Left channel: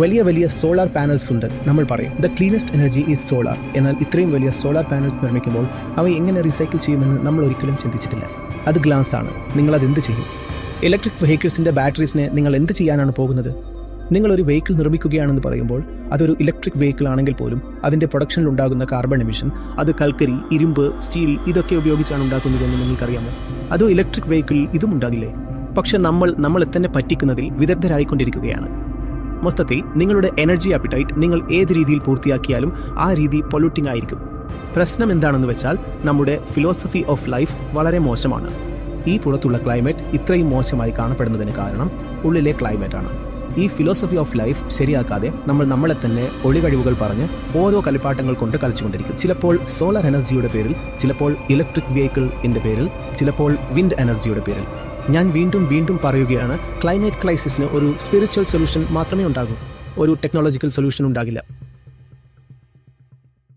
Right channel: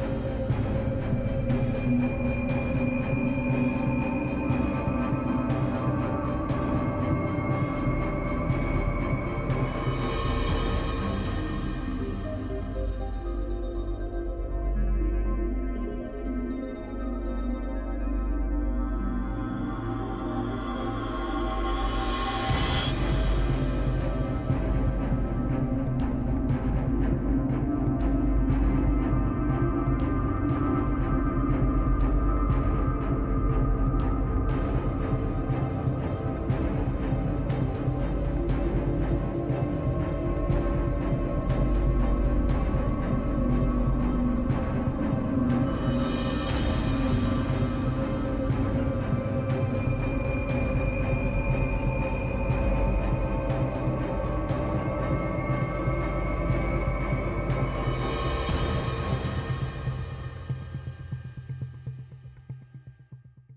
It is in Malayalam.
വലിയ വലിയ സോളാർ പാനൽസ് ഉണ്ട് നമ്മൾ പറയും. The cleanest energy is solar എന്നാൽ ഇത്രയും വലിയ സോളാർ പാനൽസ് നിർമ്മിക്കുമ്പോൾ അവ എങ്ങനെ റീസൈക്കിൾ ചെയ്യുമെന്ന് നമ്മൾ ഒരിക്കലും ചിന്തിച്ചിട്ടില്ല. അത് ഗ്ലാസ് ആണ്. നിങ്ങൾ അത് എന്ത് ചെയ്യും? ഇലക്ട്രിക് വെഹിക്കിൾസിന്റെ ബാറ്ററീസിനെ നിങ്ങൾ എന്ത് ചെയ്യാനാണ് പോകുന്നത്? നിങ്ങൾ ഒരു വെഹിക്കിൾ നിർമ്മിക്കുകയാണെന്ന് പറയുമ്പോൾ അതൊരു ഇലക്ട്രിക് വെഹിക്കിൾ ആണെങ്കിൽ പോലും അതിന്റെ പ്രൊഡക്ഷനിൽ ഉണ്ടാകുന്ന കാർബൺ എമിഷൻ അത് കൽക്കരി ഇരുമ്പ് സ്റ്റീൽ ഇതൊക്കെ ഉപയോഗിച്ചാണ് ഉണ്ടാക്കുന്നതെന്ന് നിങ്ങൾക്കറിയാമോ? അതോ ഇലക്ട്രിക് വെഹിക്കിൾ ഇതും ഉണ്ടാകില്ലേ? പക്ഷെ നമ്മൾ നമ്മളെ തന്നെ പറ്റിക്കുന്നതിൽ വിദഗ്ധരായിക്കൊണ്ടിരിക്കുകയാണ്. മൊത്തത്തിൽ നിങ്ങളുടെ എനർജി അപ്പിറ്റൈറ്റ് നിങ്ങൾ ഏത് രീതിയിൽ പൂർത്തിയാക്കിയാലും ആ രീതി പൊല്യൂട്ടിംഗ് ആയിരിക്കും. പ്രശ്നം എന്താണെന്ന് വെച്ചാൽ നമ്മുടെ ഫിലോസഫി ഓഫ് ലൈഫ് വളരെ മോശമാണ്. ഈ പുറത്തുള്ള ക്ലൈമറ്റ് ഇത്രയും മോശമായി കാണപ്പെടുന്നതിന് കാരണം ഉള്ളിലെ ക്ലൈമറ്റ് ആണ്. ഈ ഫിലോസഫി ഓഫ് ലൈഫ് ശരിയാക്കാതെ നമ്മൾ നമ്മളെ തന്നെ ഒളികഴിവുകൾ പറഞ്ഞ് ഓരോ കളിപ്പാട്ടങ്ങൾ കൊണ്ട് കളിച്ചുകൊണ്ടിരിക്കും. ചിലപ്പോൾ സോളാർ എനർജിയുടെ പേരിൽ ചിലപ്പോൾ ഇലക്ട്രിക് വെഹിക്കിൾ വെഹിക്കിളിന്റെ പേരിൽ ചിലപ്പോൾ വിൻഡ് എനർജിയുടെ പേരിൽ. ഞാൻ വീണ്ടും വീണ്ടും പറയുകയാണ് ക്ലൈമറ്റ് ക്രൈസിസിന് ഒരു സ്പിരിച്വൽ സൊല്യൂഷൻ മാത്രമേ ഉണ്ടാകൂ. ഒരു ടെക്നോളജിക്കൽ സൊല്യൂഷൻ ഉണ്ടാകില്ല.